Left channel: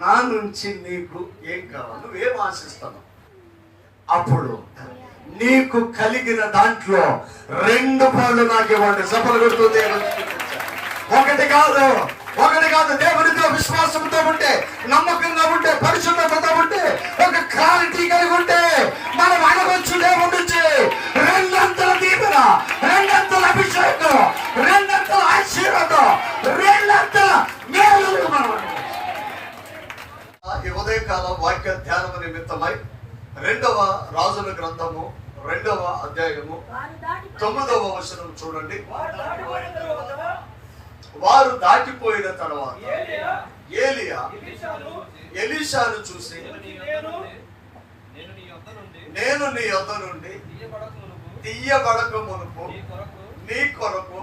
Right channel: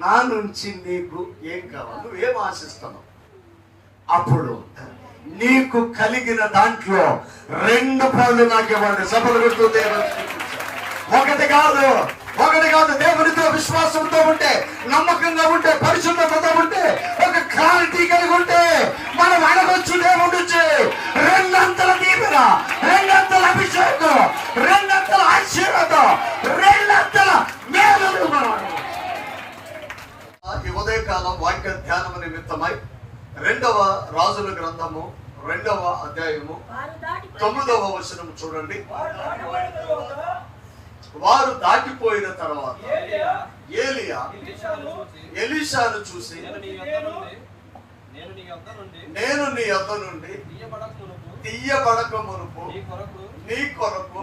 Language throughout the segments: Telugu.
నా నుంచి నీకు ఏం కావాలి? నువ్వేం ఆశిస్తున్నావు? అప్పుడు నీకు కలిగిన దాంట్లో రెండు పనులు నాకు ఇవ్వండి. సభలు ఒకటి కాదు ఒకటి కాదు దేవునితో విశ్వాసంతో ఉంటే నమ్మకంగా ఉంటే పరిశుభ్రతతో ఉంటే ఒక క్లారిటీ కలిగి ఉంటే మనం అడగొచ్చు దేవుడిచ్చి రెండంతల దీవెన రెండంతల అభిషేకం రెండంతల ఆశీర్వాదం రెండంతల మేలు మనం అడగొచ్చు. ఉదయకాలం వాక్య ధ్యానము నిమిత్తమై రెండవ రాజుల గ్రంథము రెండవ అధ్యాయము తొమ్మిదవ వచనం చూడండి. వారు దాటిపోయిన తరువాత ఏలీయా ఎలీషాను చూసి నేను నీ యొద్ద నుండి తీయబడక మునుపు నీ కొరకు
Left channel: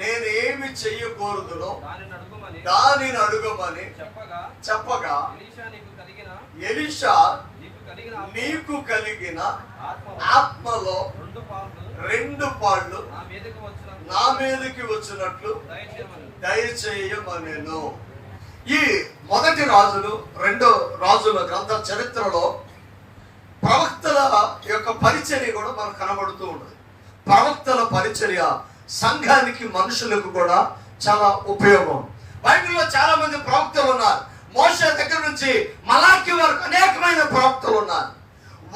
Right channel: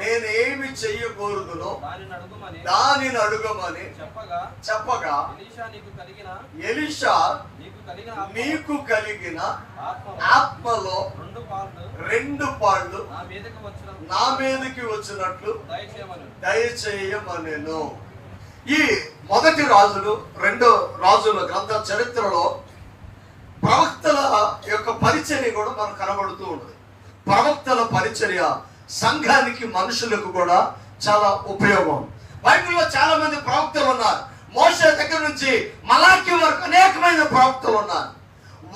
నేనేమి చెయ్యకూడదునో దానిని అడుగుమని దానిని అడుగమని చెప్పగా చెప్పగా ఎలీషా నీకు కలిగిన ఆత్మలో రెండు పాళ్ళు నా మీదకి వచ్చిన నా మీదకి వచ్చినట్లు దయచేయమని. దయచేయమనెను. ఈ మొదటి రాజులు రెండో రాజుల గ్రంథ చరిత్రలో ప్రవక్తల యొక్క పరిచర్య కూడా మనకు కనబడుతూ ఉంటుంది ప్రవక్తల పరిచర్య సంఘానికి మనుషులకు కూడా చాలా ఉపయోగం. బైబిల్లో చాలా మంది ప్రవక్తలు ఉన్నారు. మోస దగ్గర నుంచి మలాకి వరకు అనేకమైన ప్రవక్తలు ఉన్నారు.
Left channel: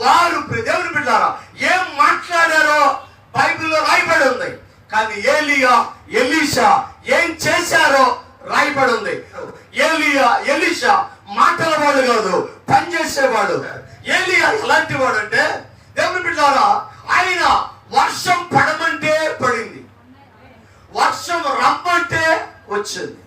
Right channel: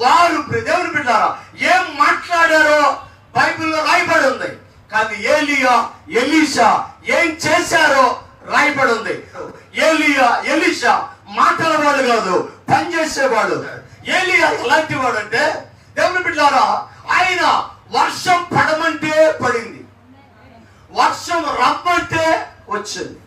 వారు దేవుని బిడ్డారా ఏం మాట్లాడారో బైబిల్లో రాయబడి ఉంది. కానీ ఏలియా ఎలీషా ఏం చేశారో రాయబడి ఉంది. ఏలియా ఎలీషా మాటల వాడు కాదు పనిచేసేవాడు. ఏలియా ఎలాంటి వాడు అంటే దేవుని బిడ్డారా ఆయన వర్షం పడమంటే పడింది. వర్షం రమ్మంటే వచ్చింది.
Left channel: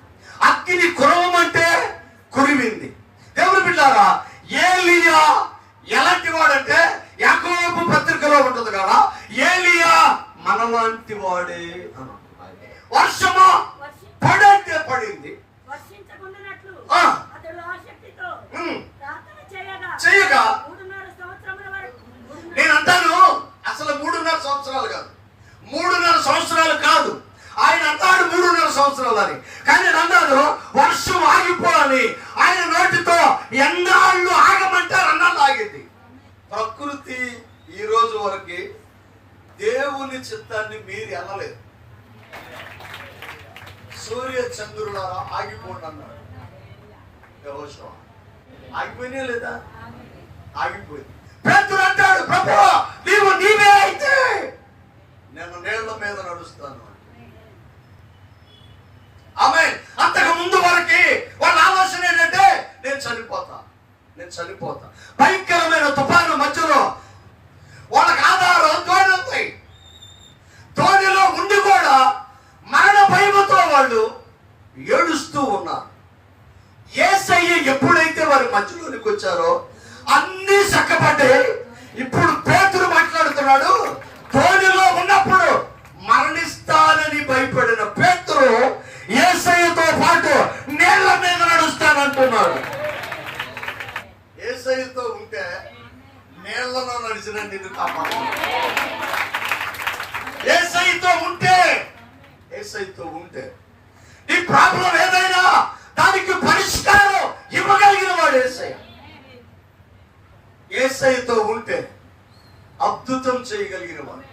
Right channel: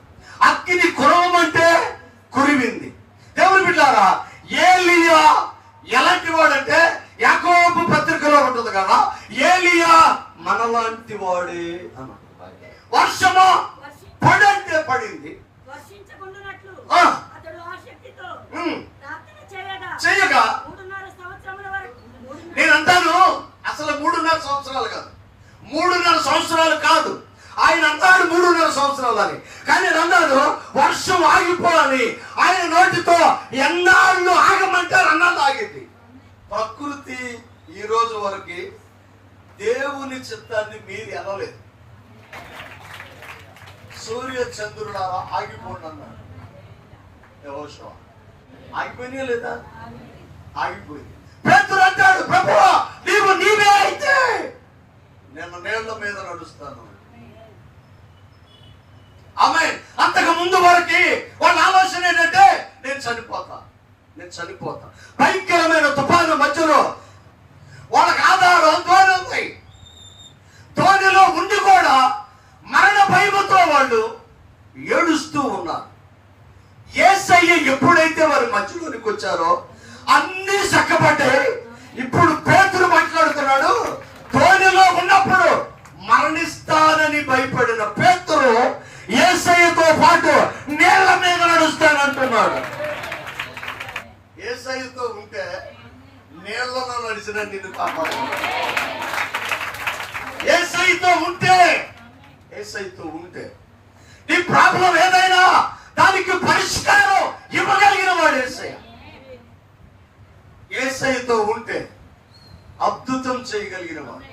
అగ్ని కురవమంటే కురివింది. దేవుని బిడ్డారా ఏలియా ఎలాంటి వాడంటే యాకోబు పత్రికలో ఉంటుంది కదా ఏలియా మనలాంటి వాడే అని. వర్షమా వర్షి- పడంటే పడింది. చేయగా నేను అంటాను అసలు మూడున్నర సంవత్సరాలు కాదు. మూడున్నర సంవత్సరాలు కాదు. ఆయన అన్నాడు మూడున్నర సంవత్సరాలు అని. కానీ నేను అన్నాడు వర్షం ఆగిపోవాలి. ఆయన నోటితో ఎన్నాళ్ళు ఆగమంటారు అన్నాళ్ళు ఆగింది. ప్రకృతి ఈ రోజు వరకు దేవుని చిత్తాన్ని మీరు అనలేదు సూర్య చంద్రులారా ఆగిపోండి అన్నాడు. ఆగిపోయినా లేదా? ఆగిపోయింది. పేతురు అంటాడు ప్రభు నీవు నీవే అయితే నేను నీళ్ళ మీద నడుస్తాను. ఆమె అంతకు ముందు వరకు వాళ్ళ ఆలోచన ఏంటంటే నేను చనిపోతా నేను చనిపోతా. భయంకరమైన తుఫాను మధ్యలో వాళ్ళకి ఆధారం ధోని ఉంది. ధోనిలో ఉండి కూడా మరణ భయముతో వాళ్ళు ఏడుస్తూ ఉన్నారు. ఏసయ్య ఎప్పుడైతే వారి మధ్యలోనికి వచ్చారో అన్ని చక్కబడ్డాయి. ఇప్పుడు పేతులు మాట్లాడుతున్నాడు ధోనిలో ఉన్నప్పుడు మరణిస్తానని భయపడిన పేతులు ఏసైతో పాటు నేల మీద నడుస్తానంటున్నాడు. ఏసైతో ఉంటే నేలలో నడిచిన నిన్ను కాపాడు ఏసైతో ఉంటే ఏసైతో ఉంటే నీ ప్రాబ్లం ఏదైనా దానికి పరిష్కారం ఇవ్వగలిగిన వాడు ఏసై. ఏసైతో ఉంటే అద్భుతం చేయగలిగిన వాడు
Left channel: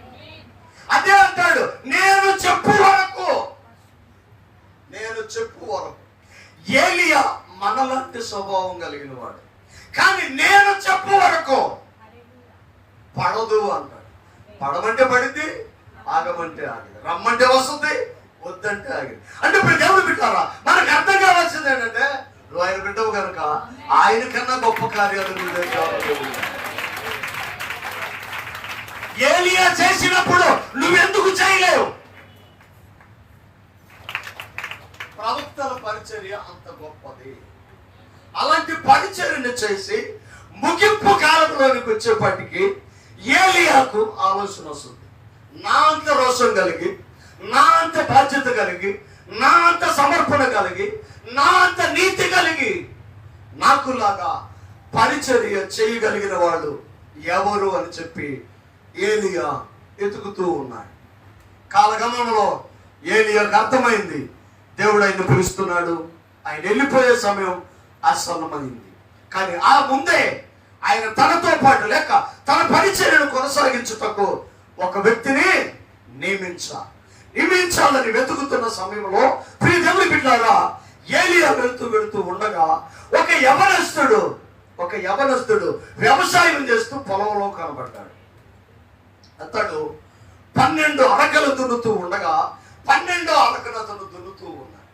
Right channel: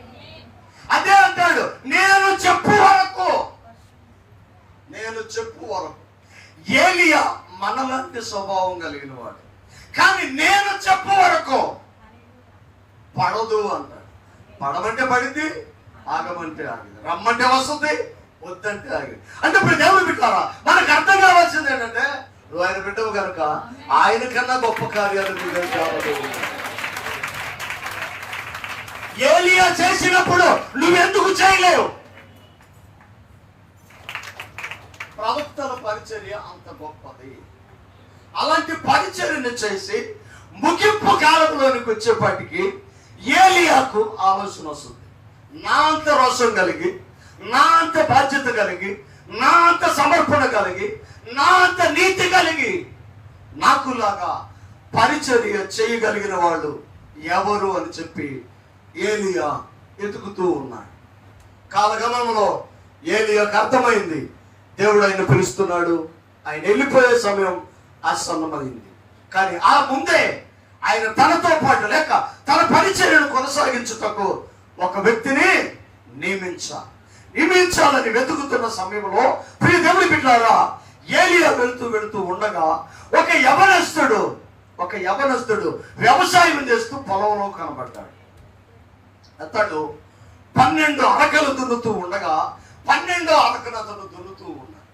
అదే అంటాడు నేను చెప్పు వరకు. నేను చెప్పు వరకు. ఏలియా మనలాంటి స్వభావం కలిగిన వాడు కానీ నేను చెప్పు వరకు. పడదు అంటాడు. పడమంటే పడింది ఆగమంటే ఆగింది. రమ్మంటే వస్తుంది వద్దంటే ఆగింది. అంటే ఇప్పుడు దేవుడు పెట్టారా మనకు అర్థం కావాల్సింది ఏంటంటే నువ్వు ఆయన బిడ్డవు కనుక ఆయన కన్నా గొప్ప కార్యాలు నువ్వు ఏలియా చేసినప్పుడు నువ్వెందుకు చేయలేవు? ప్రవక్తల పరిచర్య అంత గొప్పది. అలాంటి పరిచర్యను చేసి ముగింపు కాలంలోనికి వచ్చేపాటికి ఏలియాకు ఆలోచన వస్తుంది. నా అంత రోషం కలిగి నా అంత బాధ్యత కలిగి నా అంత సమర్పణ కలిగి నా అంత నీతి కలిగి నాకులాగా పరిచర్య చేయగలిగిన వాడు ఎవరు అని చెప్పి ఏలియా ఎతుకుతూ ఉన్నాడు. కాలగమనంలో ఏలియాకు అర్థమైంది దేవుడు ఆయన పిలుస్తున్నాడు. ఆయన వెళ్ళిపోయే సమయం ఆసన్నమైంది. కానీ ఆ ముందే ఆయన తనతో పాటు లేక తన పరిచర్యను కొనసాగించుటకు ఒక వ్యక్తిని నియమించ నియమించాలని వెతుకుతున్న సమయంలో ప్రియ దేవుడి బిడ్డారా ఏలియా వెళుతూ వెళుతూ ఉండగా ఒక యవనస్తుడు ఒక యవనస్తుడు వ్యవసాయం చేస్తూ పొలంలో కనబడ్డాడు. అతడు పన్నెండు అరకలు దున్నుతూ ఉండగా పన్నెండు అరకలు అతను దున్నుతూ ఉన్నాడు.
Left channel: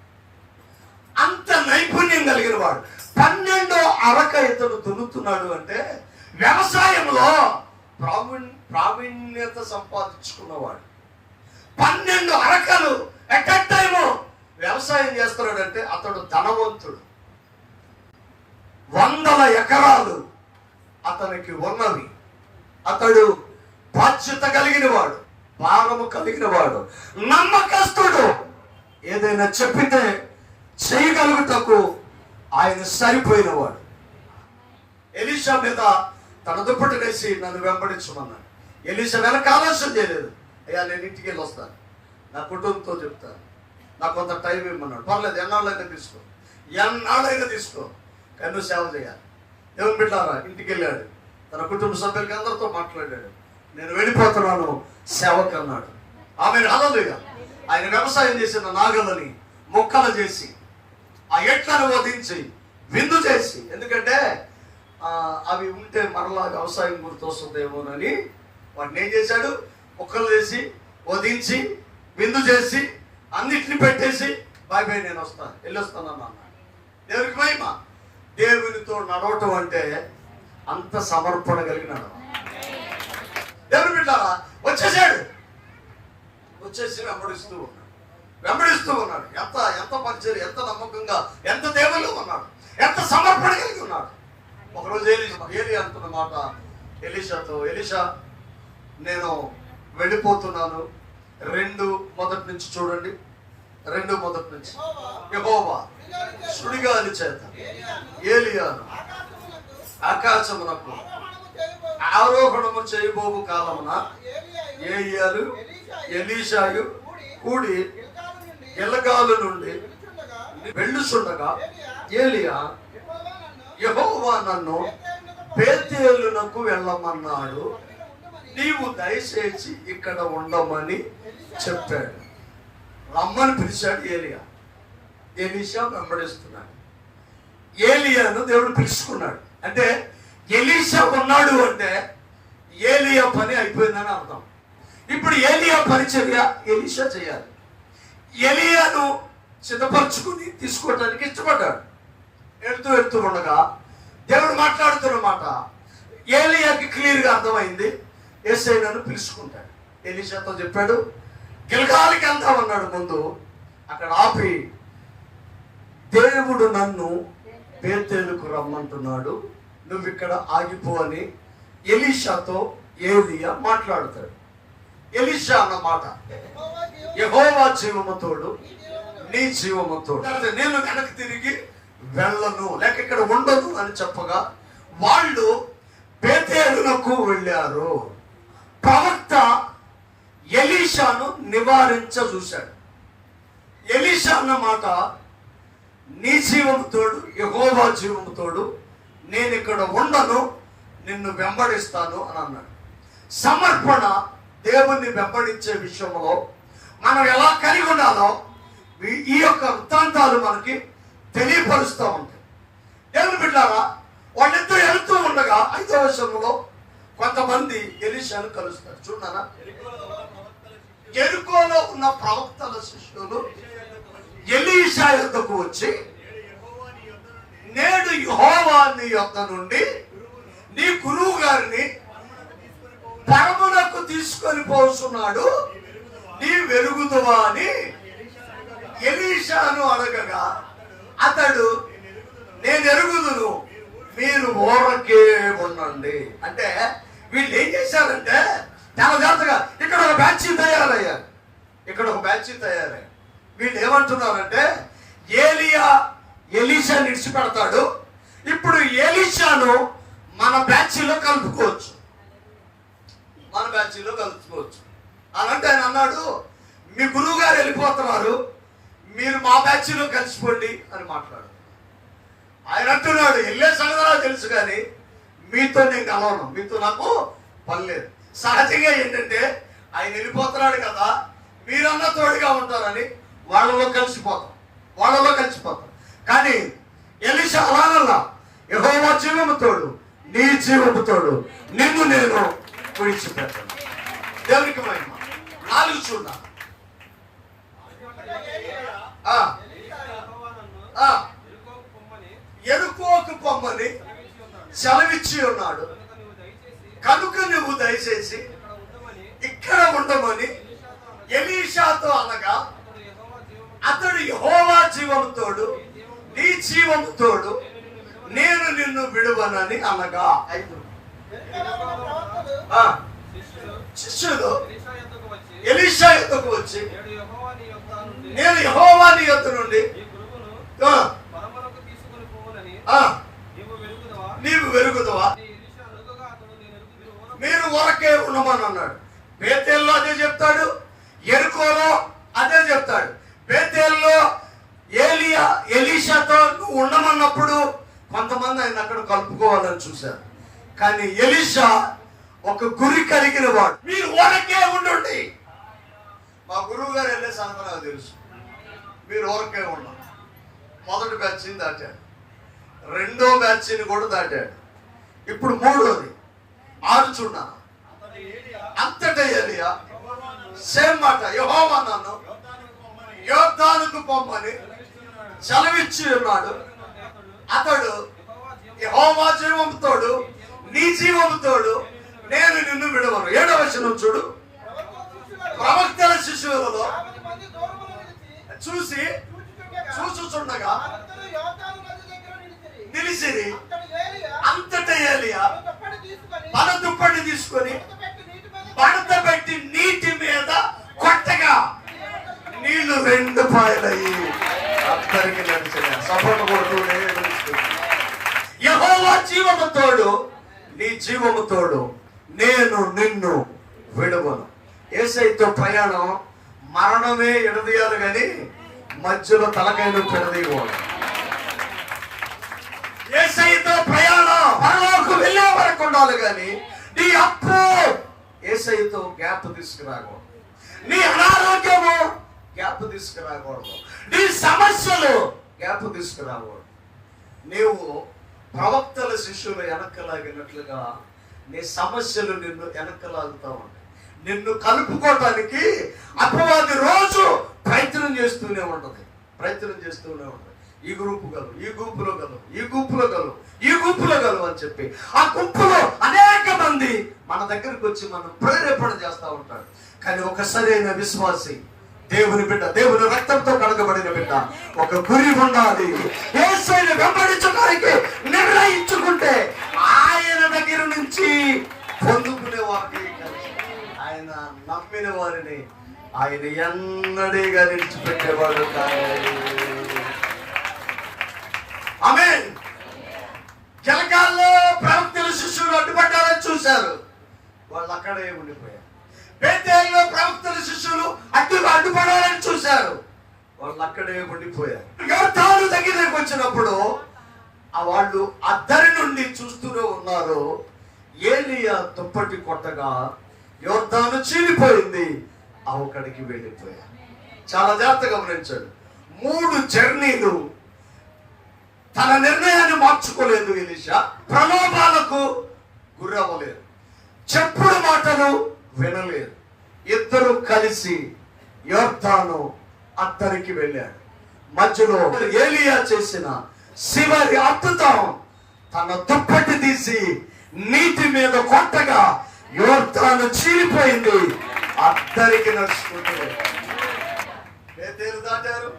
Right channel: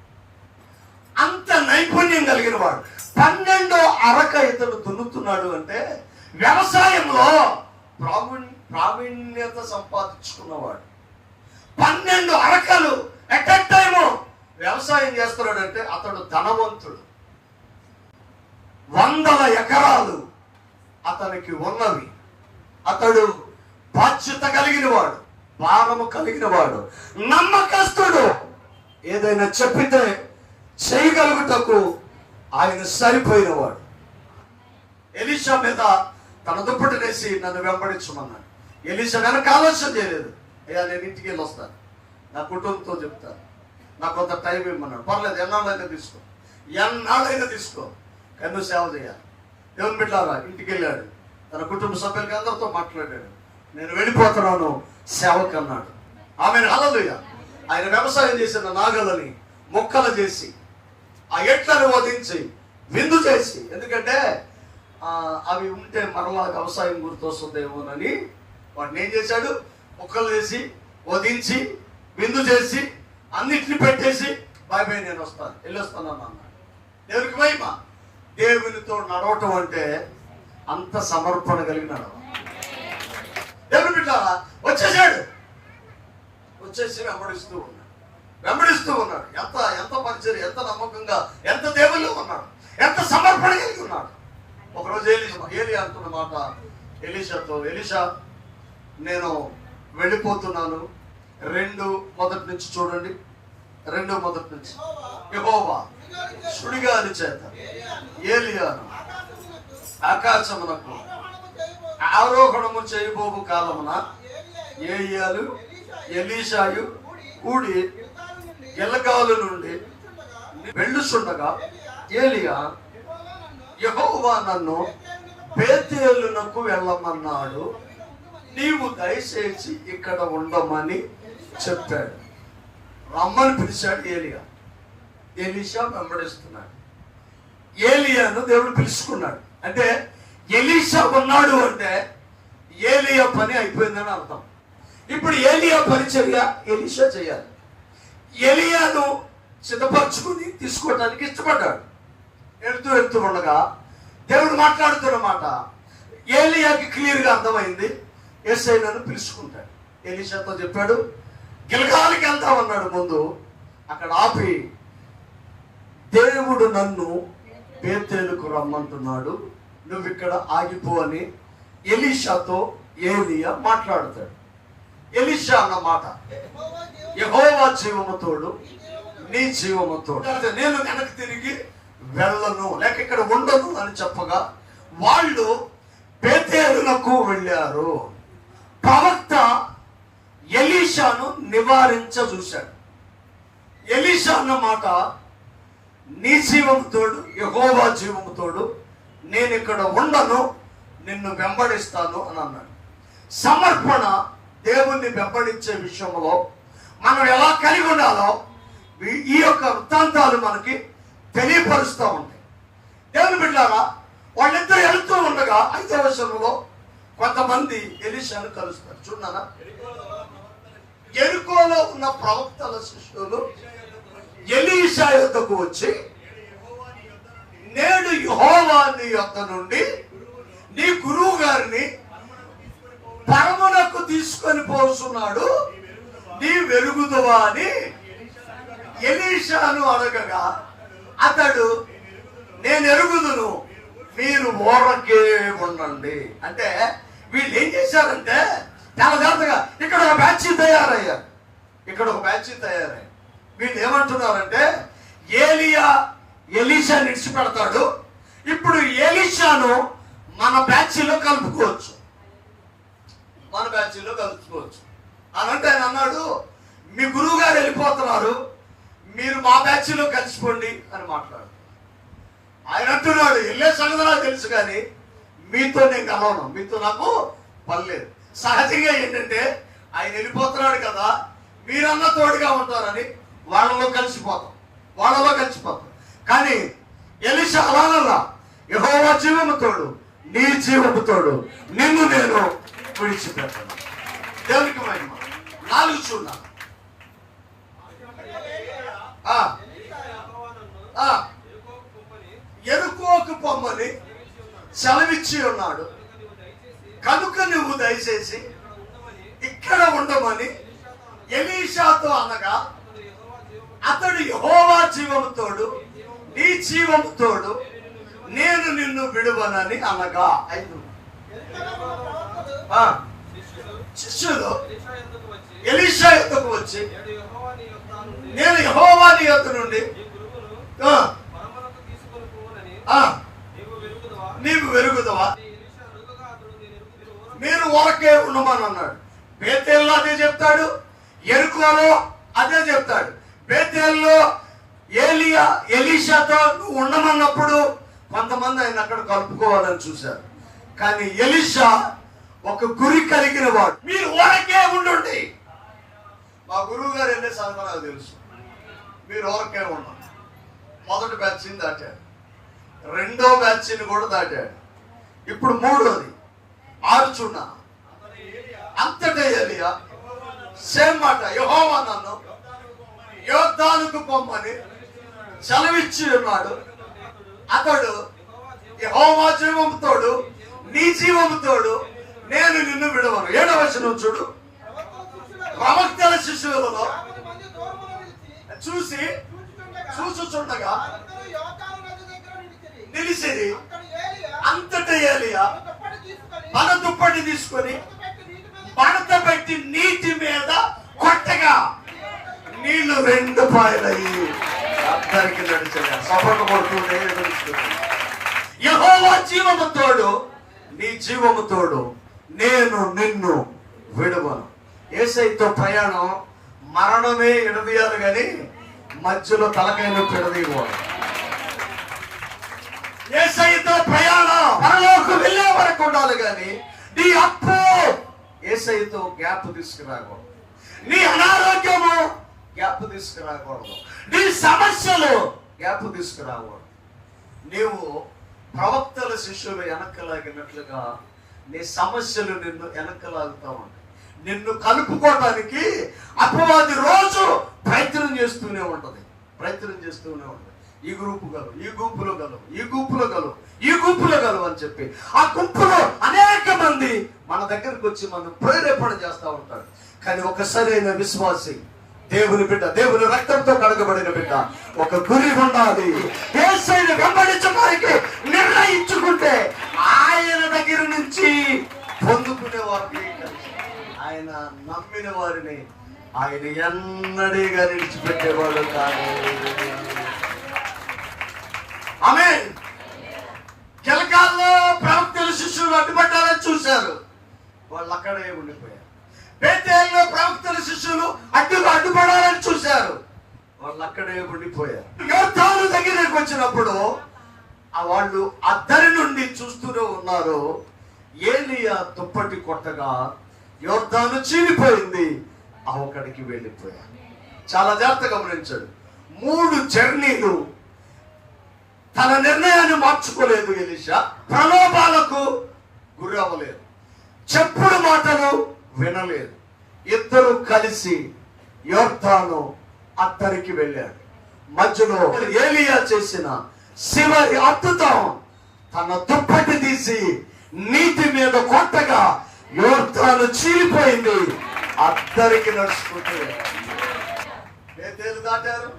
అంత నైపుణ్యం కలిగిన వాడు. పన్నెండో అరక ఇతడు దున్నుతున్నాడు అంటే వ్యవసాయంలో ప్రావీణ్ ప్రావీణ్యత సంపాదించుకున్నవాడు. పన్నెండు అరకలు ఎట్ ఎ టైము వ్యవసాయం చేస్తున్నాడంటే అతడు ధనవంతుడు. వందల ఎకరాలు అతనికి ఉన్నవి. అతడు బాధ్యత కలిగిన వాడు భారము కలిగిన వాడు నమ్మకస్తుడు. ఏదైనా చెప్పితే చేయగలుగుటకు ఆయన సరిపోయినవాడు. ఎలీషా మీద తన దుప్పటినేసి నన్ను వెంబడించమన్నాడు. ఎలీషా వెనక ఆలోచన చేయలేదు. అయ్యా నేను ఇంటికి వెళ్ళి వస్తాను నా కుటుంబంతో చెప్తాను. నాకు కొంత టైం ఇమ్మన్నాడు పర్లేదు ఎన్నాళ్ళైనా తీసుకో. ఎన్నాళ్ళైనా తీసుకో. కన్ను సేవ చేయాలి. దేవుని బిడ్డారా ఇంటికి వెళ్ళాడు తన కుటుంబ సభ్యులకి అందరితో మాట్లాడాడు. నేను వెళ్ళిపోతున్నాను సేవకు అన్నాడు. ఆమె హలలుయ ఆయన వ్యవసాయం చేసిన నాగలని మొక్కలు చేసి ఆ ఎట్లను వధించి విందు చేసి ఎందుకంటే అవి ఉంటే మరలా వ్యవసాయం గుర్తొస్తుందేమోనని వాడిని ఏం చేశాడు? మొక్కలు చేసి వధించి విందు చేసి అన్నిటిని పెట్టేసి బాయ్ బాయ్ నేను వస్తాను. వెళ్ళొస్తాను అన్నాడు దేవునికి మహిమ. దేవునితో నడవటం అంటే అంత సమర్పణ కలిగినాడు దేవుని బిడ్డారా వచ్చేసాడు. వచ్చేసి వెంబడిస్తూ ఉన్నాడు. వెంబడిస్తూ ఉన్నాడు. ఎంత ఎంత పరిచయం ఎంత నమ్మకంగా ఎంత దేవుళ్ళు ఉన్నాడు. ఎంత సమర్పణ కలిగి ఉన్నాడు. ఒకరోజు ఏలి ఏలి అంటున్న మాట ఎలీషాతో ఎలీషా నేను వెళ్ళిపోతున్నాను. రెండు మొదటి నుంచి చూడండి. రెండు మొదటి నుంచి. యహోవా సుడిగాలి చేత. ఏలియాను ఆకాశమునకు ఆరోహణము చేయబోవు కాలమున ఏలియాలు ఎలీషాయు కూడి ఎలగాలు నుండి వెళ్ళుచుండగా ఏలియా యహోవా నన్ను బేతేలునకు వెళ్ళమన్నాడు. నీవు దయచేసి ఇక్కడ ఉండమని చెప్పాడు రమ్మని పిలిచాడు ఏలియా. ఎలీషా వెంబడిస్తున్నాడు. ఏలియాను దేవుడు పిలుచుకున్నాడు. అంటే ఎలీషా ఉన్నాడు అంటే ఏలియా పని అయిపోయిందని అర్థం. ఇప్పుడు ఏలియా పరిచర్య ఎలీషా చేయాలి. ఎలియాను సిద్ధపరచుకుని తీసుకోవటానికి ఇష్టపడ్డాడు. వెళ్తూ వెళ్తూ ఉండగా దేవుడు మాట్లాడుతున్నమాట ఏలియాకి క్లియర్గా అర్థమైంది. ఎస్ఐ నన్ను పిలుచుకుంటాడు. ఎలీషాతో చెప్పాడు గిలగాలికి వెళ్తామన్నాడు ముందు. అక్కడ ఆపి దేవుడు నన్ను బేతేలుకు రమ్మంటున్నాడు. నువ్వు ఇక్కడ ఆగిపో అని ఎలీషాతో ఏలియా మాట్లాడతాడు. ఎలీషా అన్న మాట యహోవా జీవమతోడు నీ జీవమతోడు లేకపోతే నేను వెనక్కి తిరిగి వెళ్ళను లేక ఇక్కడ ఉండను అని చెప్పగా వాళ్ళు బేతేలులకు వెళ్ళారు. ప్రవక్త ఎలీషాను నివారించ చూశాడు ఎలీషా అన్న మాట నీ జీవముతోడు యహోవా జీవముతోడు నేను ఇక్కడ ఉండను నిన్ను వెంబడిస్తాను అని అన్నాడు. సమర్పణ దేవుణ్ణి వెంబడించే విషయంలో మనం ఎలా కలిగి ఉండాలో ఈ- యొక్క వృత్తాంతాలు మనకి తెలియపరుస్తూ ఉంటాయి. దేవుని బిడ్డారా వాళ్ళిద్దరు వెళ్తూ ఉండగా ఐదవ విషయంలో కొంతమంది ఎలిషాను కలుస్తారు. చూడనా? ఎరుకోలో ఉన్న ప్రవక్తల శిష్యులు ఎలీషా యొద్దకు వచ్చి నేడు యెహోవా నీ యొద్ద నుండి నీ గురువు గారిని పరమునకు తీసుకొని పోతున్నాడు నీ వెలుగుదవా అని ఎలీషాను అడగగా అతడు నేను ఎరుగుదును మీరు ఓరకే ఉండండి. అంటే వీళ్ళు ఏం చేశారంటే చాలా జాగ్రత్తగా. ఇక్కడ ఒక బ్యాచ్ తయారయ్యారు. ఇక్కడ ఒక బ్యాచ్ తయారయ్యారు. వీళ్ళు ఏమంటున్నారంటే ఏలియా ఎలీషా నిడిచిపెడతాడు ఇప్పుడు ఎలీషాను మన బ్యాచ్లో కలుపుకోవచ్చు. మన బ్యాచ్లో కలుపుకోవచ్చు. అలాంటి ఆయన అన్నాడు మీ గురువు గారు వెళ్ళిపోతున్నారు. మీరు మా బ్యాచ్లో కలిసిపోండి అని మాట్లాడు ఆయన అంటున్నాడు వెళ్ళే సంగతి తెలుసు కానీ మీతో నేను కలవను. మీతో నాకు పని లేదు. సహజంగా ఏంటంటే ఆయన వెళ్ళిపోతున్నాడు కదా మీరన్నా తోడుగా ఉంటారని వాళ్ళలో కలిసిపోతాం. వాళ్ళలో కలిసిపోతాం. కానీ ఎలిష అలాగల్లా యహోవా జీవము తోడు నీ జీవము తోడు నిన్ను నేను విడిచిపెట్టను. దేవునికి మహిమ. నాలుగు చూడ ఎరుకోకు పొమ్మని సెలవిచ్చి ఉన్నాడు. కనుక నువ్వు దయచేసి ఇక్కడ ఉండమని ఎలీషాతో అనగా అతడు యహోవా జీవముతోడు నీ జీవముతోడు నేను నిన్ను విడువనని అనగా. ఐదు ఆ, శిష్యులు ఎలీషా ఎత్తుకు వచ్చి నేను యహోవా నీ నుండి నీవు వెరుగుదవా? మీరు వరకే ఉండమని అన్నాడు. బేతేల్లో అదే చెప్తాడు ఎరుకోలో అదే చెప్తాడు. బేతేల్లో ఏలియా ఎలీషాతో నువ్వు ఉండమన్నప్పుడు కొంతమంది ఆయన అక్కడ కలుపుకోవాలని చూశారు. కానీ ఎలీషా ఒక గురి కలిగిన వాడు. మీరు వరకే ఉండండి. మా గురువు గారు వెళ్ళే సంగతి నాకు తెలుసు. మీరు వరకే ఉండండి. మొదటి బ్యాచ్ని దాటాడు. రెండో బ్యాచ్ని కూడా దాటాడు. ఇప్పుడు మూడోది. ఆడుచున్నా అంతటే ఏలియా సేమ్ మాట యహోవా నన్ను యోద్ధానికి పొమ్మని చలవిచ్చి ఉన్నాడు. అతడు యహోవా జీవముతోడు నీ జీవముతోడు నేను నిన్ను విడవను. ఏడవ వచనం చూడు. ప్రవక్తల శిశువులలో చూసి చూచుచుండగా నిలిచిరి. అంతట ఏలియా. మన దుప్పటి తీసుకొని మడత పెట్టి నీటి మీద కొట్టగా నీళ్ళు రెండు పాయలయ్యి. అందరికి నడిచిన కొడుతుండే యహోవా జీవము తోడు నీ జీవము తోడు నేను నిన్ను విడువను. ఏసైతో ప్రయాణం మరణమే ఎడదీయాలి కానీ మధ్యలో తలకైన పెడదీయవాడు ఏసైతో ప్రయాణం ఉండాలి కానీ నీ అప్పు ఏసైతో గ్యాప్ తీసుకురాకూడదు. నీ అనారోగ్యము గ్యాప్ తీసుకురాకూడదు. నీ సమస్యలు గ్యాప్ తీసుకురాకూడదు. నీవు ప్రవక్తల శిష్యులు వెనక్కలాగినట్లుగా నీ సమస్యలు నిన్ను వెనక్కలాగుతా ఉంటాయి. నిన్ను కలుపుకోవటానికి అపవాది రోజు ప్రయత్నం చేస్తూనే ఉంటది. ప్రయత్నం చేస్తూనే ఉంటది. ఈ గ్రూపు గలవు ఈ గుంపులో గలవు ఈ గుంపులో గలవు ఈ గుంపులో గలవు అని చెప్పి ఆ గుంపులో అనేక మంది మన దగ్గరకు వచ్చి మనం ప్రేరేపణ చేస్తూ ఉంటారు. కానీ ఒక సరైన విశ్వాసి దేవుని బిడ్డ దేవుని రక్తంతో కడగబడిన బిడ్డ ఒక గురి ఉండాలి. యేసుని వెంబడించడానికి నిర్ణయించుకుంటే ఆయన దగ్గర నుంచి పొందుకునే వారిని ఆయన నమ్మిన వారిని ఆయన ఎన్నడీగా విడిచిపెట్టేవాడు ఆమె జలకాల్లో ప్రవక్తలు శిష్యులు అడ్డుపడ్డారని చూశారు. వాళ్ళు అక్కడే ఉండిపోయారు. బేతేల్లో ప్రవక్తలు శిష్యులు అడ్డు అడ్డుపడాలని చూశారు. వాళ్ళు అక్కడే ఉండిపోయారు. యోధాలు దగ్గరికి వచ్చినప్పుడు ఆ వాళ్ళు అద్దరి నుండి చూస్తూనే ఉన్నారు. ఏలియా దుప్పటి కొట్టగా యోర్ధాను చీలిపోయింది. అవకడికి వెళ్ళిపోయారు చాలా జాగ్రత్తగా గమనించాడు. మూడు జర్నీలు తన నిర్ణయాన్ని మార్చుకోలేదు ఎలిషా. ప్రలోభాలకు గురవ్వలేదు. చెప్పుడు మాటలు వినలేదు. ఇద్దరు కలిసి యోర్ధాను అద్దరికి వెళ్ళారు. మధ్యలో ఏలియా చేసిన శివరి అద్భుతం తన దుప్పటి తీసి నీటి మీద కొట్టగా యోర్ధాను చీలిపోయింది. అద్దరికి నడుచుకుంటూ. దాటారు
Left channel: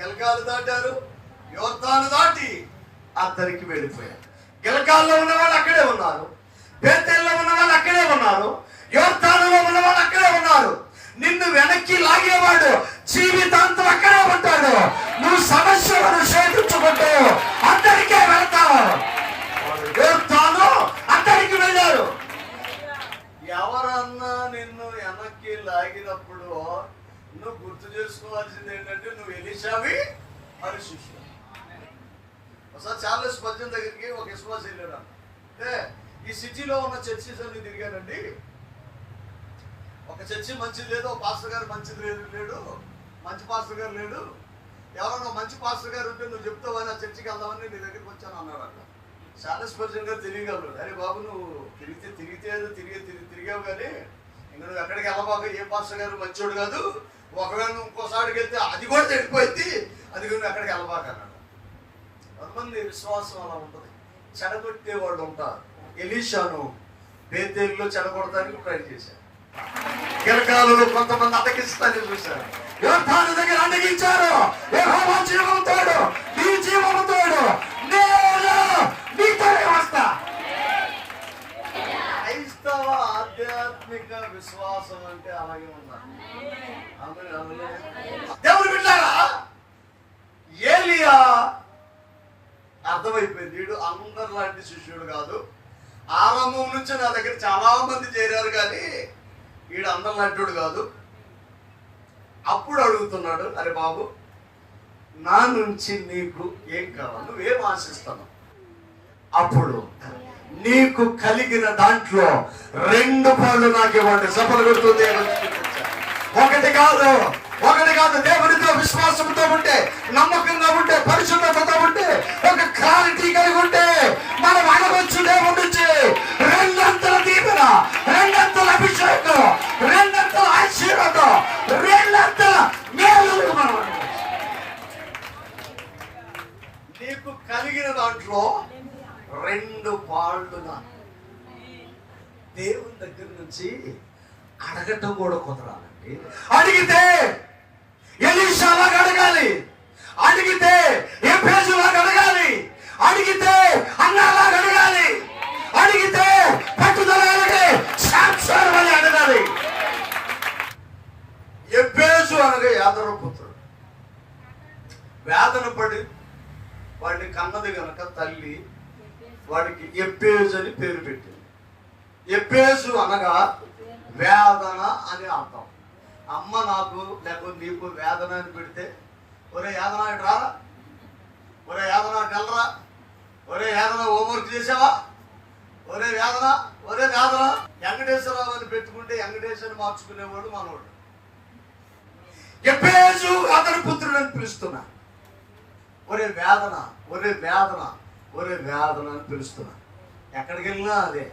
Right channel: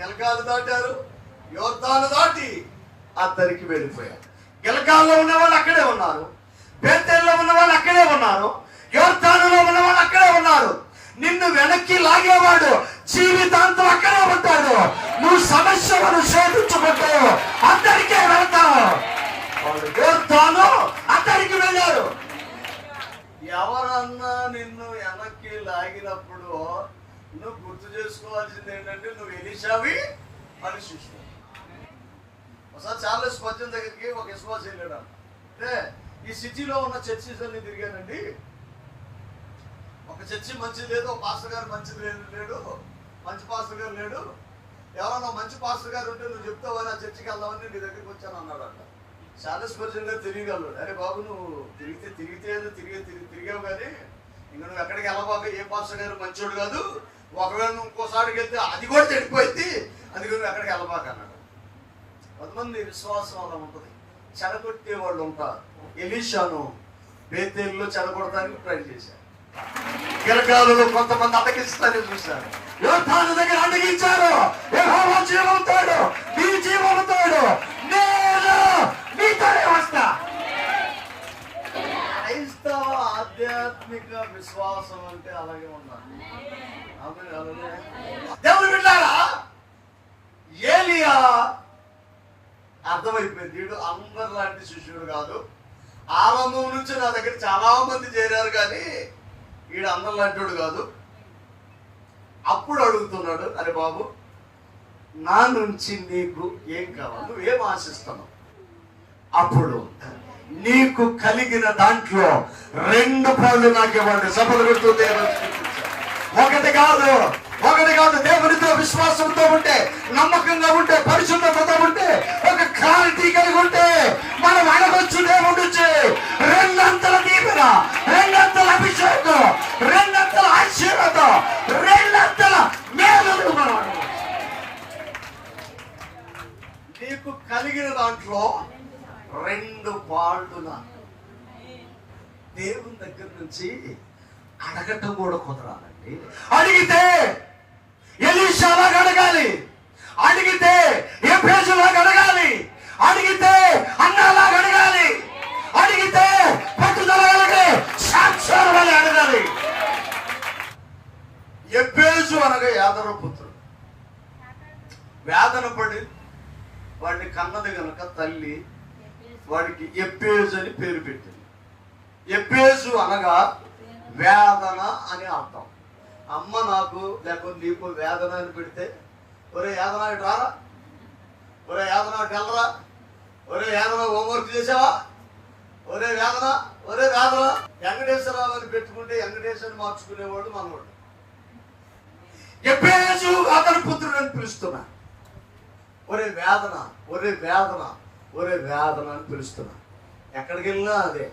గెలకాలు దాటారు యోర్ధాను దాటి అద్దరికి వెళ్ళిపోయారు. గిలకాల్లో ఉన్న వాళ్ళు అక్కడే ఉన్నారు. పేదల్లో ఉన్న వాళ్ళు అక్కడే ఉన్నారు. యోర్ధానులో ఉన్న వాళ్ళు అక్కడే ఉన్నారు. నిన్ను వెనక్కి లాగేవాడు జీవితాంతం అక్కడే ఉంటాడు. నువ్వు సమస్యలను శోధించుకుంటావు. అందరికీ వెళ్తావు. యోర్ధాను అందరికి వెళ్ళారు. ఎవరన్నా నిన్ను వెనక్కి లాగినప్పుడు నువ్వు గుర్తు చేసుకోవాల్సింది ఏంటంటే నువ్వు ఎలిషావి అని చూసుకో. ఒకసారి చార్లెస్ పద్యం దగ్గరికి ఒక విశ్వాసం వెళ్ళాడు అంటే ఈ సిటీలో ఉన్న చర్చిస్ అన్ని తిరిగానండి. ఒక చర్చి మంచిది లేదు ఒక పాస్టర్ గారు మంచిది లేదు లేడు మంచి పాస్టర్ గారు లేడు. ఎవరన్నా మంచి పాస్టర్ గారు ఉంటే నువ్వు చెప్తావా నా చర్చికి వెళ్దామని నీ దగ్గరికి వచ్చాను అన్నాడు అట్లా. చార్లెస్ పర్సన్ గారు తిరిగలరు అరే బాబు నువ్వు తిరిగితే తిరిగితే తిరిగి తిరిగి తిరిగావు కానీ ఇంకా నువ్వు ఎక్కడికి వెళ్ళబాక ఏ పాస్టర్ గారు మంచోడు కాదు. ఒకవేళ నువ్వు ఇంకోసారికి వెళ్తే అది కూడా తెలిపోయింది అది కూడా ఎక్కడికి వెళ్ళబాక అన్నాడు. కొంతమంది విశ్వాసం అలా ఉంటుంది. చెడగొట్టే వాళ్ళు ఉంటారు. ఎలీషాను బేతేల్లో చెడగొడటానికి ట్రై చేశారు. గిరకాలలో కొంతమంది అటగిస్తారని చూశారు. యోధాల దగ్గర అడిగించారు యెహోవా జీవంతుడు నీ జీవంతుడు నేను నీతోనే వస్తా. క్రైస్తవ ఆధ్యాత్మిక విశ్వాసం అంటే అలాగే ఉండాలి. దేవుడు బిడ్డారా ఏలియా అర్థమైపోయింది. వీడు అందరు లాంటి శిష్యుడు కాదు. ఆరంభం నుంచి నా దగ్గర చాలా మంది చేరారు కానీ వీడు అందరు లాంటివాడు కాదు. అప్పుడు అడుగుతున్నాడు అరే బాబు నా నుంచి నీకు ఏం కావాలి? నువ్వేం ఆశిస్తాను అప్పుడు నీకు కలిగిన దాంట్లో రెండు పనులు నాకు ఇవ్వండి. సభలు ఒకటి కాదు. ఒకటి కాదు దేవునితో విశ్వాసంతో ఉంటే నమ్మకంగా ఉంటే పరిశుద్ధతతో ఉంటే ఒక క్లారిటీ కలిగి ఉంటే మనం అడగొచ్చు దేవుడిచ్చి రెండంతల దీపన రెండంతల అభిషేకం రెండంతల ఆశీర్వాదం రెండంతల మేలు మనం నీకు కలిగిన దాంట్లో రెండు పాళ్ళు దేవుని దగ్గర నుంచి అడగటం కూడా కుదరాలండి. అడిగితే ఎలీషాలాగా అడగాలి అడిగితే ఏ పేజులాగా అడగాలి అడిగితే అన్నాలాగా అడగాలి అడిగితే పట్టుదల కలిగే సాక్షాలు అని అడగాలి. ఎబ్బేజు అనగా యాదవ పుత్రుడు. వేదన పడి వాడిని కన్నది గనక తల్లి వాడికి ఎప్పేజు అని పేరు పెట్టింది. ఎప్పేజు అనగా వేదన అని అర్థం. అమ్మ నాకు లేకపోతే నీకు వేదన అని పెడితే ఒరే యాదన రారా? ఒరే యాదన ఇటు వెళ్ళరా? ఒరే యాదన హోంవర్క్ చేసావా? ఒరే వేదన? ఒరే వేదన? వెంకటేశ్వరరావు అని పెట్టుకుంటే వెంకటేశ్వరని మార్చుకునేవాడు మనవాడు ఎప్పుడేసు అతని పుత్రుడు అని పిలుస్తున్నా. ఒరే వేదన ఒరే వేదన ఒరే వేదన అని పిలుస్తున్నా. ఎక్కడికి వెళ్ళినా అదే.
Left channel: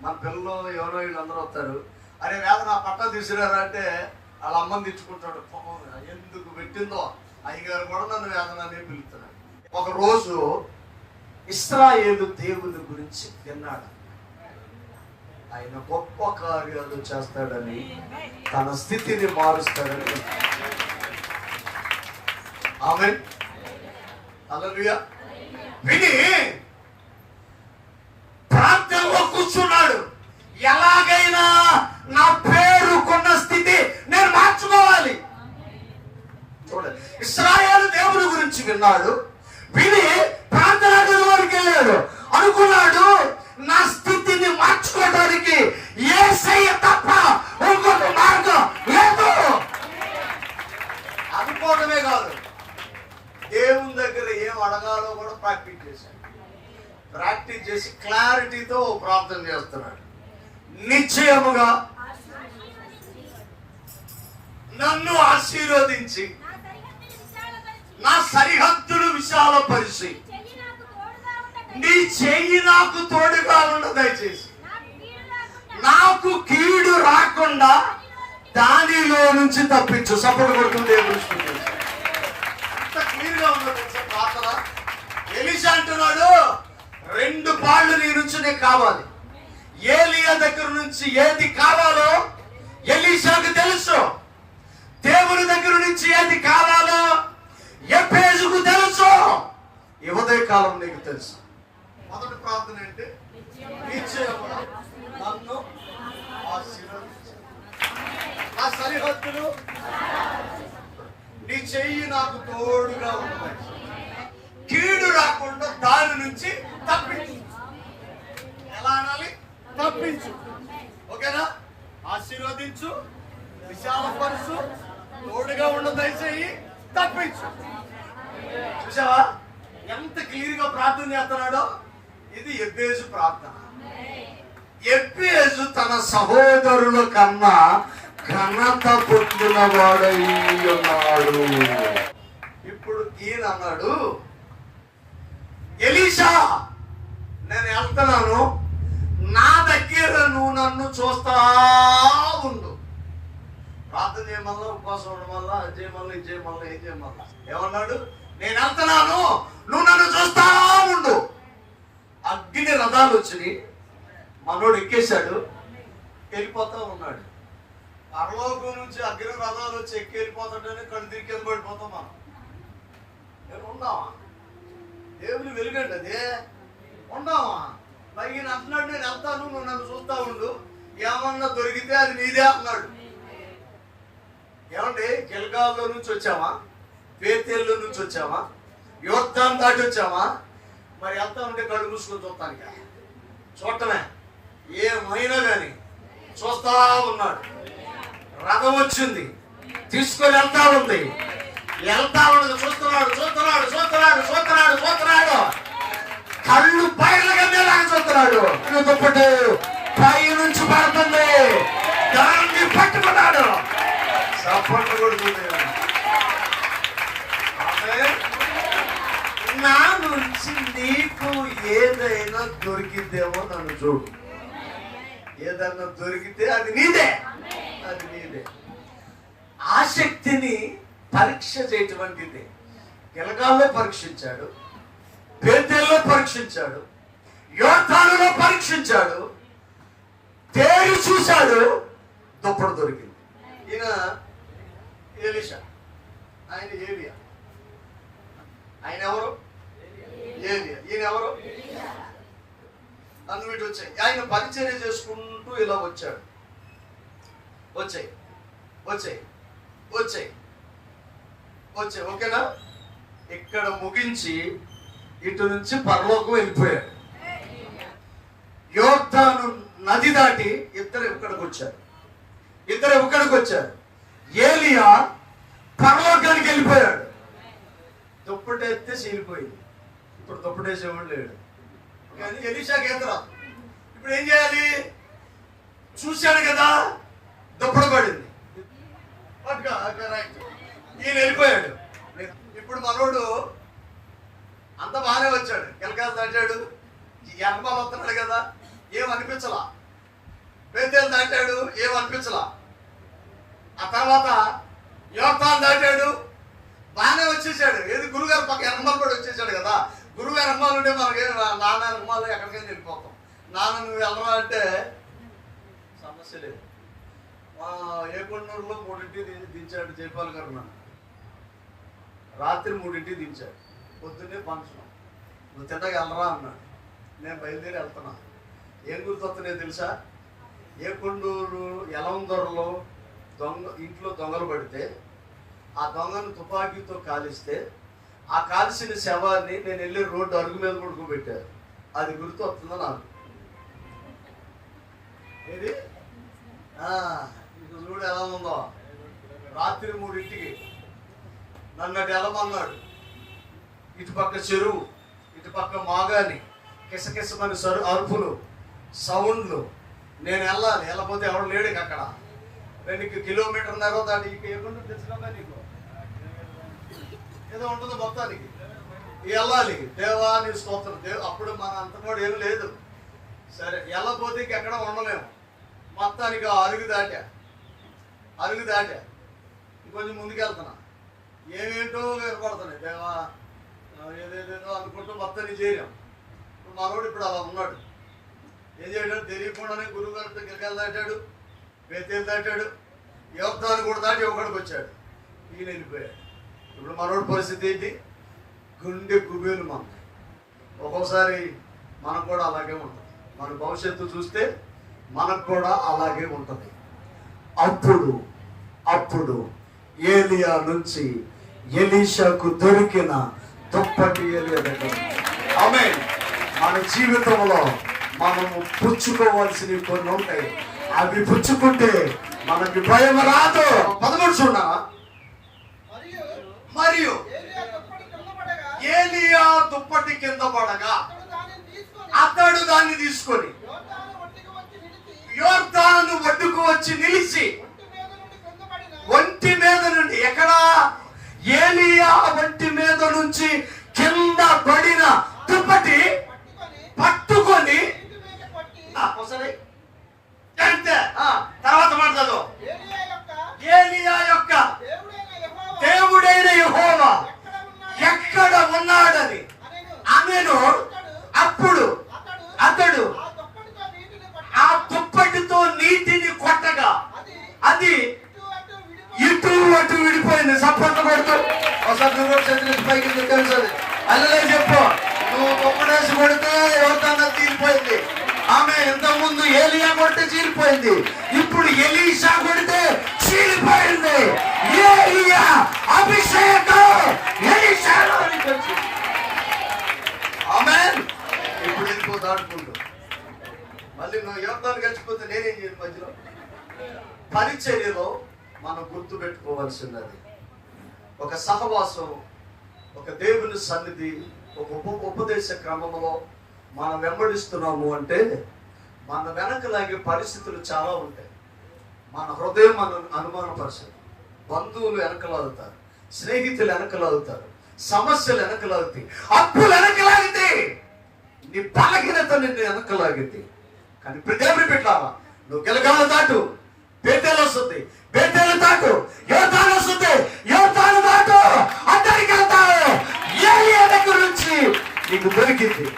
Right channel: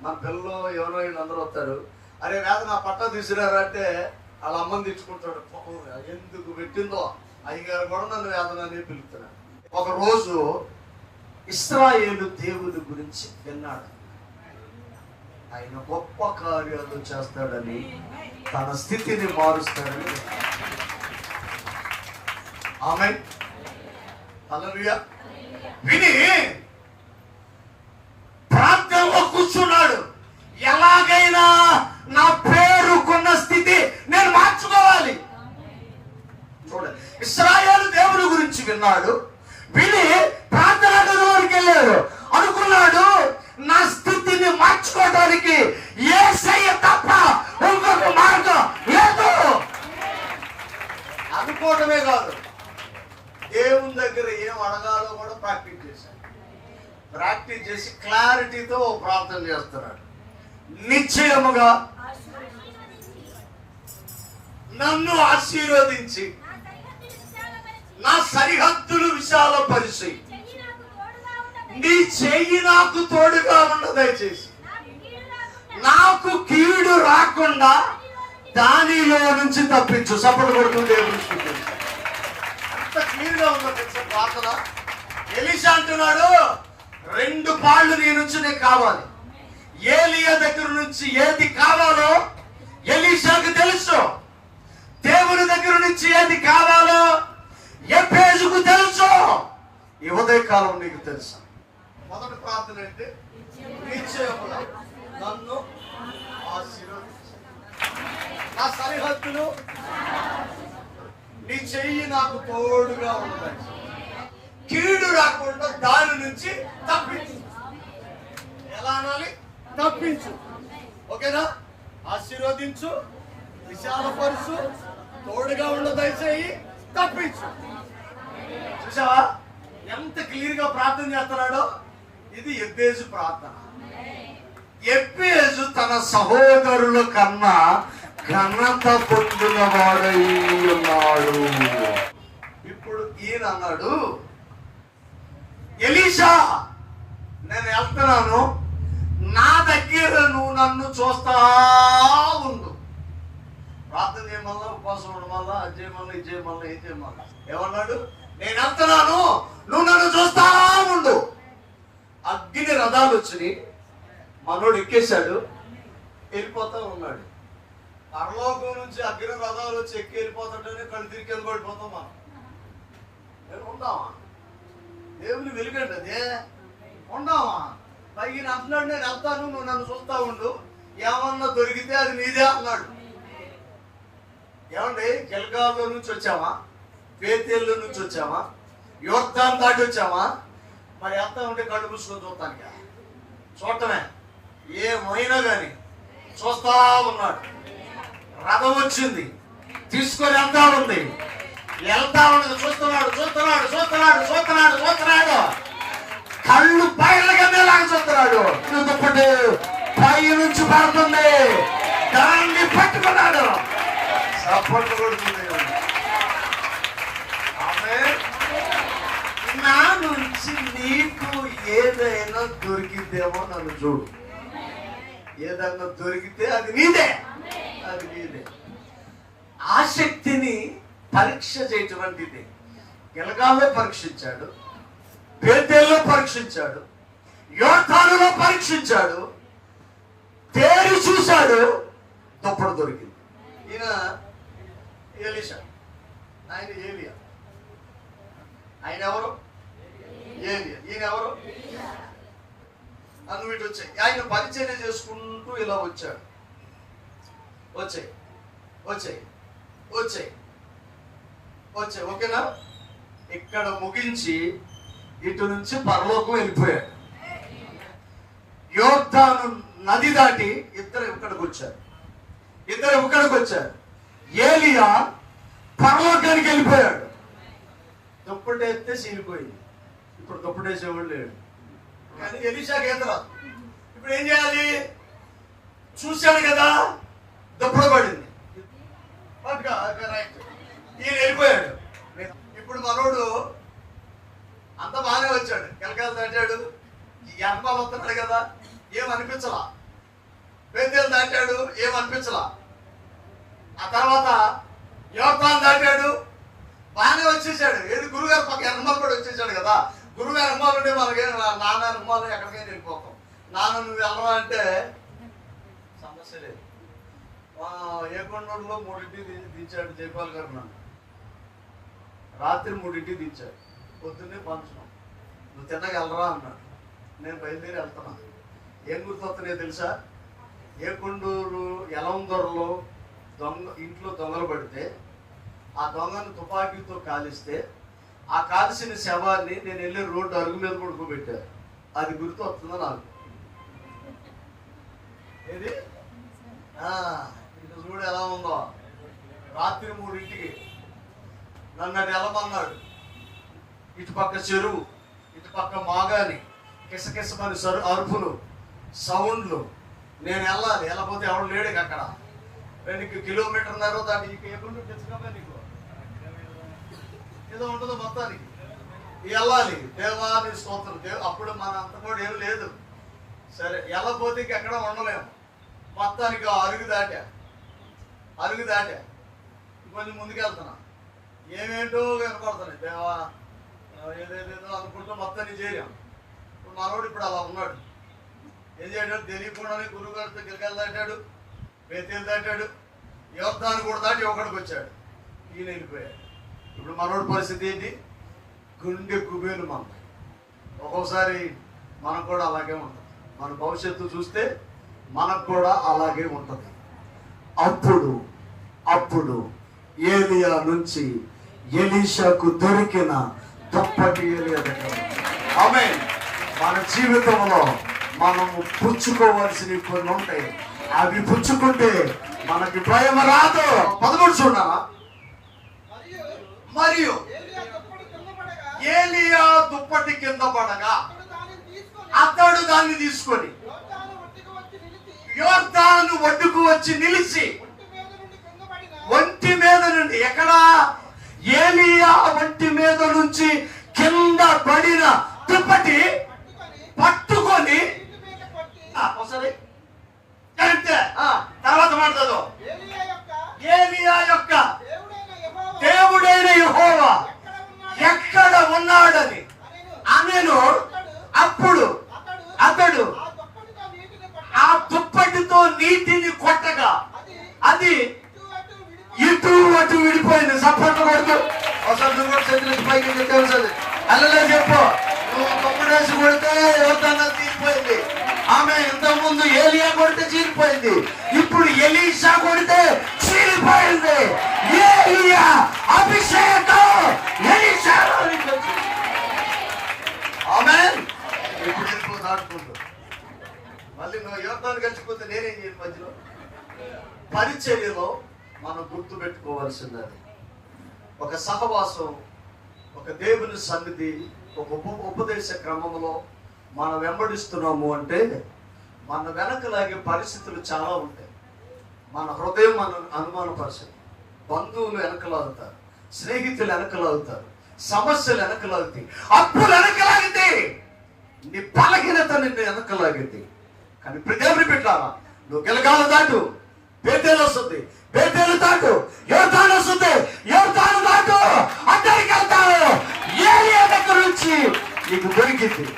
మన పిల్లలు ఎవరో వీళ్ళు అందరూ వస్తారు. అరే వేదన ఆ పట్టా తీసుకురారా అంటే వాళ్ళ అమ్మని తెచ్చుకుంటాడు. ఎందుకు పెట్టిందో అయ్యగారు కూడా నన్ను వేదన అని పిలుస్తున్నాడు ఒక రోజు ఇస్రాయేలు దేవుని గురించి విన్నాడు. ఆయన గొప్ప కార్యాలు చేస్తాడని తన స్థితిని మారుస్తాడని ఆమె హల్లెలూయా. విని ప్రాంతంలో కూర్చున్నాడు. ఎలాగైనా నా పేరుకున్న స్థితి నేను మార్చుకోవాలి. చూడండి. ఇస్రాయేల్ దేవుని గురించి విన్నాడు. విని ప్రార్థనా గదిలోకి వెళ్ళాడు. అనుకున్నాడు నా స్థితిని మార్చుకోవడానికి ఏసయ్య తప్ప ఇంకొక మార్గం లేదు. అనుకోవడమే కాదు. దేవుని దగ్గర ఏం అడగాలో కూడా ప్రాక్టీస్ చేశాడు. ప్రాక్టీస్ చేసి క్లారిటీతో ప్రార్థన చేస్తున్నాడు. నిశ్చయముగా నన్ను ఆశీర్వదించి. నా సరిహద్దులు విశాలపరిచి. నీ చెయ్యి నాకు తోడుగా ఉండ దయచేసి. నాకు కీడు రాకుండా దానిలో నుంచి తప్పించు. సపోర్ట్ కొడుకుంటే అంత క్లియర్గా ఉందో ప్రార్థన. ఎలిషా అంటున్నాడు రెండు పాళ్ళు నీ నుంచి నీకు కావాలి. ఏలియా దగ్గర నుంచి ఏది కావాలో ఎలీషాకు తెలుసు. దేవుని దగ్గర నుంచి ఏది కావాలో ఎప్పేజుకు తెలుసు? ఈ ఉదయకాలం నీకు తెలుసు. మొదటి ప్రార్థన ఏంటి? నన్ను నా సరిహద్దులు నీ చెయ్యి నాకు తోడుగా ఉంటాయి కీడు రాకుండా దాని నుంచి తప్పించు. ఎలా అనాలి? తప్పించు. ఓకేనా? ఆశీర్వదించు విశాలపరుచు తోడుగా ఉండు దయచేయి తప్పించు. చూసావా? ఎంత క్లియర్గా ప్రార్థన చేస్తున్నాడో? ఇది ఎబ్బేజు ప్రార్థన. ఎబ్బేజు తన సహోదరుల కన్నా ఘనత పొందిన వాడై ఉన్నాడు ఇప్పుడు ఈయన అన్నాడు ఎలీషా నేను వెళ్తున్నాను. నా దగ్గర నువ్వు నన్ను చూస్తా ఉండు. ప్రార్థన చేయమల్లా ఉపవాసం ఉండడం వల్ల అది చేయమల్లా ఇది చేయమల్లా ఇది చేయమల్లా ఏమన్నాడు? నేను వెళ్తున్నాను నువ్వు నన్ను చూస్తా ఉండు. అగ్ని రథాలు వచ్చినాయి. మనోడు ఎక్కేశాడు. వెళ్ళిపోతా ఉన్నాడు. పరలోకం నుంచి అగ్ని రథాలు వచ్చి ఎక్కి వెళ్ళిపోతాడని కళ్ళు తిరిగి కింద పడిపోతాం మనం. నేను ఉందామా దేవుని వెలుగండి అదే ఉందామా పైకి అంటున్నాడు నేను వెళ్తాను నువ్వు నన్ను చూస్తా ఉండు. ఏమన్నా దొరికితే అది నీదే అన్నాడు. ఏమండి? గిల్గాల్లో నుంచి వచ్చామా? పేతేళ్ళ నుంచి వచ్చామా? యోర్ధాన్ దాటి వచ్చామా? మరి వెళ్తా ఉంటే కళ్ళు మూసుకొని చూస్తాను చూడటమే. ఏమైనా కానీ చూస్తా ఉన్నాడు. రథం వచ్చింది. తీసుకొని వెళ్తా ఉంది. వెళ్తా ఉన్నది చూస్తున్నాడు చూస్తున్నాడు చూస్తున్నాడు చూస్తున్నాడు చూస్తున్నాడు. కళ్ళు పైన లాగా చూస్తున్నాడు. దుప్పటి పై నుంచి పడుతుంది. దాన్ని పట్టుకున్నాడు. సపోర్ట్ కొడుతుంది నా నుంచి నీకు ఏదైనా దొరికిద్దేమో నన్ను చూడు ఏదైనా దొరికితే అది నీదే. అది నీదే. ఆసక్తిని పరీక్ష చేయటువంటిది గిలగాల్లో పరీక్షించాడు. పేదల్లో పరీక్షించాడు. యోధానులో పరీక్షించాడు. తేరి చూశాడు. దుప్పడు దొరికింది. ఈయన ఎలిషా ఆయన ఏలియా? ఆయన ఎవరు? ఏలియా. ఈయన ఎవరు? నన్ను వీటి వచ్చాయి ఆయన పరిచర్య చేసుకుంటూ ఇలా వచ్చాడు. వచ్చాయి. వచ్చాయి. వచ్చాయి. వచ్చాయి. ఓకేనా? ఇక్కడ ముగించి ఇటు నుంచి పరలోకం వెళ్ళిపోయాడు. యోర్ధాను నది దాటి ఇద్దరు ఇక్కడికి వచ్చారు. ఇద్దరు ఇక్కడికి వచ్చారు? ఏలియా పరలోకానికి వెళ్ళిపోయాడు. దుప్పటి ఎత్తే చీలిపోయింది. ఇప్పుడు దుప్పటి వేసేవాడు లేడు. కానీ ఎలీషాకి ఈత రాదు. ఇప్పుడు ఏం చేయాలి? చూశాడు కదా దుప్పడ పడింది ఈయన వెళ్ళిపోయాడు. ఇప్పుడు మనోడు అంత బాగానే వచ్చాడు. కెలకాలు దాటాడు. ఈ ఎంబాలు వస్తున్నాడు కదా ఏం అనిపించలా? పెద్దలు దాటాడు ఏం అనిపించలా? ఆ తర్వాత యువతాన్ని దాటాడు. బాగానే వచ్చేసాడు. ఏది గురుగారు పక్క ఎనమాలు కూడా వచ్చేసాడు కదా. గురువు ఎనమాలు ఉంటే మనకి నాన్న ఎనమాలు ఎక్కడికైనా వెళ్ళిపోతాం. నాన్న నువ్వు వెళ్ళరా అంటే సమస్య లేదు. ఏ కొండలో మూడింటి దించాడు జైపాల్ గారు నన్ను. రాత్రి మూడింటి దించాడు. పొద్దున్నే పంచడం నువ్వు తిన్నగా వెళ్ళరా అన్నాడు. నేను బయలుదేరి వెళ్తున్నాను. ఏం గుర్తొస్తున్నాయో తెలుసా? ఏ కొండూరు ఎలందొరలో దొంగ ఇంట్లో దొంగలు పడితే ఆ దొంగను తుపాకీతో కాలిస్తే ఆ కాల్చిన శవాన్ని నేను వెళ్ళి రోడ్డు అరుగు మీద పడుకోబెట్టారు అది గుర్తు వస్తుందో నాకు? ఏది? ఆ, చూడు ఎలా ఉందో. రాత్రి మూడింటికి నన్ను అటు వెళ్ళమన్నాడు. ఇటు పక్క చెరువు ఇటు పక్క మాగాని కిసకిసమని సరు అరుపులు సౌండ్లు. నేను వెళ్ళాలి వెళ్ళకపోతే ఎవడు లేడు అక్కడ. రెండు కిలోమీటర్ దాటి ఇక ఏముందో తెచ్చుకోగా నీకు? ఏదో ఉంటుందో మొత్తానికి. వెళ్ళాలి. దేవా స్తోత్రం. దేవు అప్పుడు మన అంత కూడా ఏం లేదు. సరే వెళ్ళపోతే ఇంక ఎక్కడ ఉండలేము. మొత్తానికి అరుగు దాటా. అరుగు దాటా. కొంచెం ముందుకెళ్తున్నా. ఏమేంటో ఏర్పడుతున్నాయి దేవా ఏదేదేదో అనుకుంటూ మొత్తానికి చేరాం. ఇప్పుడు మనోడు ఇప్పుడు అలా ఉన్నాడు. ఏం చేయడాడు తెలియకుండానే గురువు గారితో గిరికలు దాటాడు దాటాడు యువతాన్ని కూడా దాటి ఒకడికి వచ్చాడు. ఈయన వెళ్ళిపోయాడు. ఇప్పుడు మనోడి పరిస్థితి ఏంటి? గుండె కుబేలు మన ఒక్కోసారి మనకు కూడా అలాగే ఉంటుంది. మన భవిష్యత్తు చూస్తే మనకు కూడా అలాగే ఉంటుంది. అప్పుడు అప్పుడు ఏలియా నుంచి ఎలీషాకు దొరికిన దుప్పటి ఏలియా దగ్గర ఆమె మన జీవితంలో మనం పుచ్చుకోవాల్సినవి కొన్ని ఉంటాయి. అవి పుచ్చుకుంటే మనకి భయం రాదు. పదమూడు చూడాలా మరియు ఏలియా దుప్పటి కింద పడగా అతడు దాన్ని తీసుకొని తీసుకొని యోర్దాను ఒడ్డుకు వచ్చి నిలిచి ఒంటి మీద నుండి నుండి ఎక్కడ? ఏలియా ఒంటి మీద నుంచి కింద పడిన దుప్పటి పట్టుకొని పట్టుకొని ఇంటి మీద కొట్టి ఆ, ఒకసారి అంతే. ఆ, తర్వాత మాట్లాడు ఏలియా యొక్క దేవుడైన యెహోవా. దేవుడైన యెహోవా ఎక్కడ ఎక్కడ ఉన్నాడో ఉన్నాడని అనెను. అప్పుడు అతడు ఆ దుప్పటితో నీటిని నీటిని కొట్టి కొట్టగా అది ఇటు అటు విడిపోయింది. సపోర్ట్ కొడుతూ ఒకసారి నువ్వు చేతులు పైకి తెలుసు అల్లే చెప్పు. నువ్వు రాసి కొడితే యువతంగా తీరిపోయింది. ఆమె ఇంతకుముందు ముందు ఏలియా కొడితే చీరిపోయింది. ఇప్పుడు ఎలీషా కొడితే చీరిపోయింది. ఏలియా అభిషేకం. ఆమె ఇప్పుడు ఇంకో దాటుకుంటూ మళ్ళీ నువ్వు యువతాన్ని గడిచిపోతే నేనేం చేయను మధ్యలో? పరిచర్యలో మనం గుర్తు పెట్టుకోవాల్సినది. ఒక సహవాసం ఒక దేవుని సన్నిధి ఒక ఉప ఉపదేశ క్రమంలో మనం వెంబడిస్తున్నాము అంటే మన వెనకలాగే పరిస్థితులు చాలా ఉంటాయి. మన హృదయం మనం అనుమానపరచదు. బంధువులు వెనకలాగుతారు స్నేహితులు వెనకలాగుతారు సమస్యలు వెనకలాగుతాయి అప్పులు వెనకలాగితే నీ బలహీనత నిన్ను వెనకలాగింది కానీ ప్రదేవుని పెట్టావా నువ్వు గెలగాలు దాటు. పేటేలు వస్తుంది. పేటేలు దాటు. యోతాను వస్తుంది. యోతాను దాటు. అందరికి వెళ్తాను ఏ దగ్గర నుంచి నీకు దొరికింది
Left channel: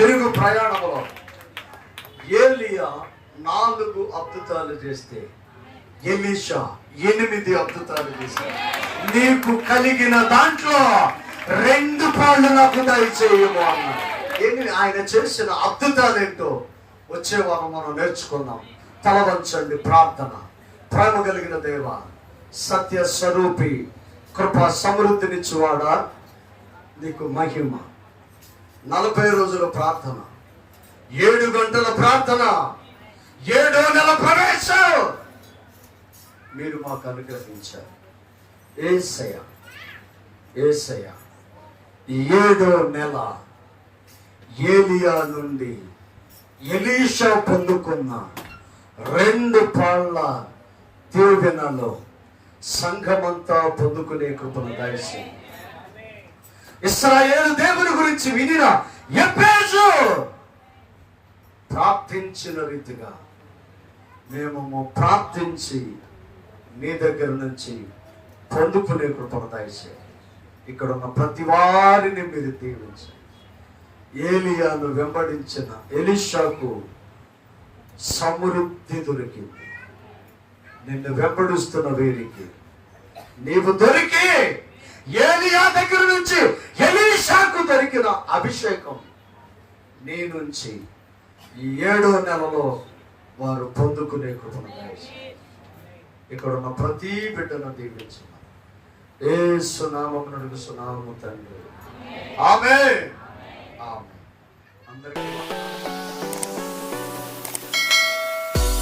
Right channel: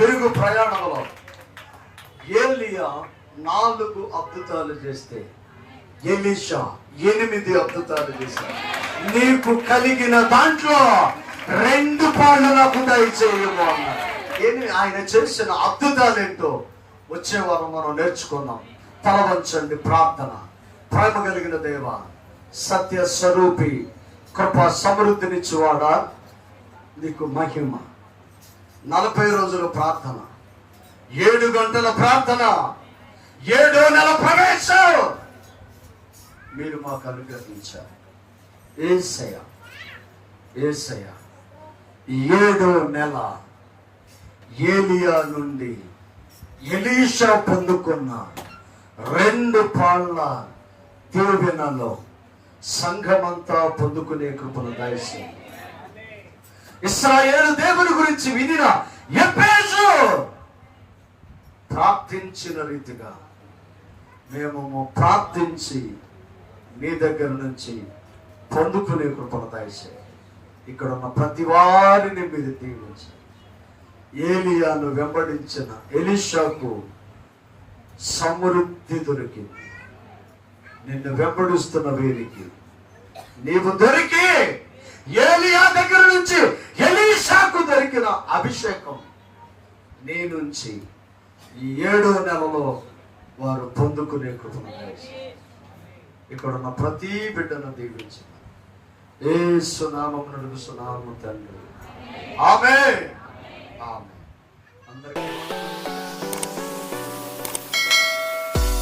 తిరుగు ప్రయాణంలో ఏలియా నాలుగు అద్భుతాలు చేస్తే ఎలీషా ఎనిమిది అద్భుతాలు చేశారు నీకు కలిగిన దాంట్లో రెండు పాలు నాకు దయచేయము అన్నాడు. ఏమి? ఆయన చేసిన అద్భుతాలు ఏంటో వచ్చే వారం మనం నేర్చుకుందాం. తలవంచండి ప్రార్థన. ప్రేమ కలిగిన దేవ సత్య స్వరూపి కృప సమృద్ధినిచ్చువాడా? నీకు మహిమ. నలభై రోజుల ప్రార్థన. ఏడు గంటల ప్రార్థన. ఏడో నెల ప్రవేశం. మీరు మాకు అనుగ్రహించారు. ఏసయ ఏసయ ఏడో నెల ఏలియా నుండి ఎలీషా పొందుకున్న రెండు పాళ్ళ దీవెనలో సంఘమంతా పొందుకునే కృపను దయచేయండి. ఇస్రాయేలు దేవుని గురించి వినిన ఎప్పేజు ప్రార్థించిన రీతిగా మేము ప్రార్థించి నీ దగ్గర నుంచి పొందుకునే కృపను దయచేయండి ఇక్కడ ఉన్న ప్రతి వారిని మీరు దీవించి. ఏలియాను వెంబడించిన ఎలిషాకు సమృద్ధి దొరికింది. నిన్ను వెంబడిస్తున్న వీరికి నీవు దొరికి ఏలియా దగ్గర నుంచి ఎలీషాకు దొరికిన అభిషేకం నీ నుంచి ఈ ఏడో నెలలో వారు పొందుకునే కృపను ఇక్కడ ఉన్న ప్రతి బిడ్డను దీవించిన ఏ సునామండ సునామం తండ్రి. ఆమె ఆమె అందరికీ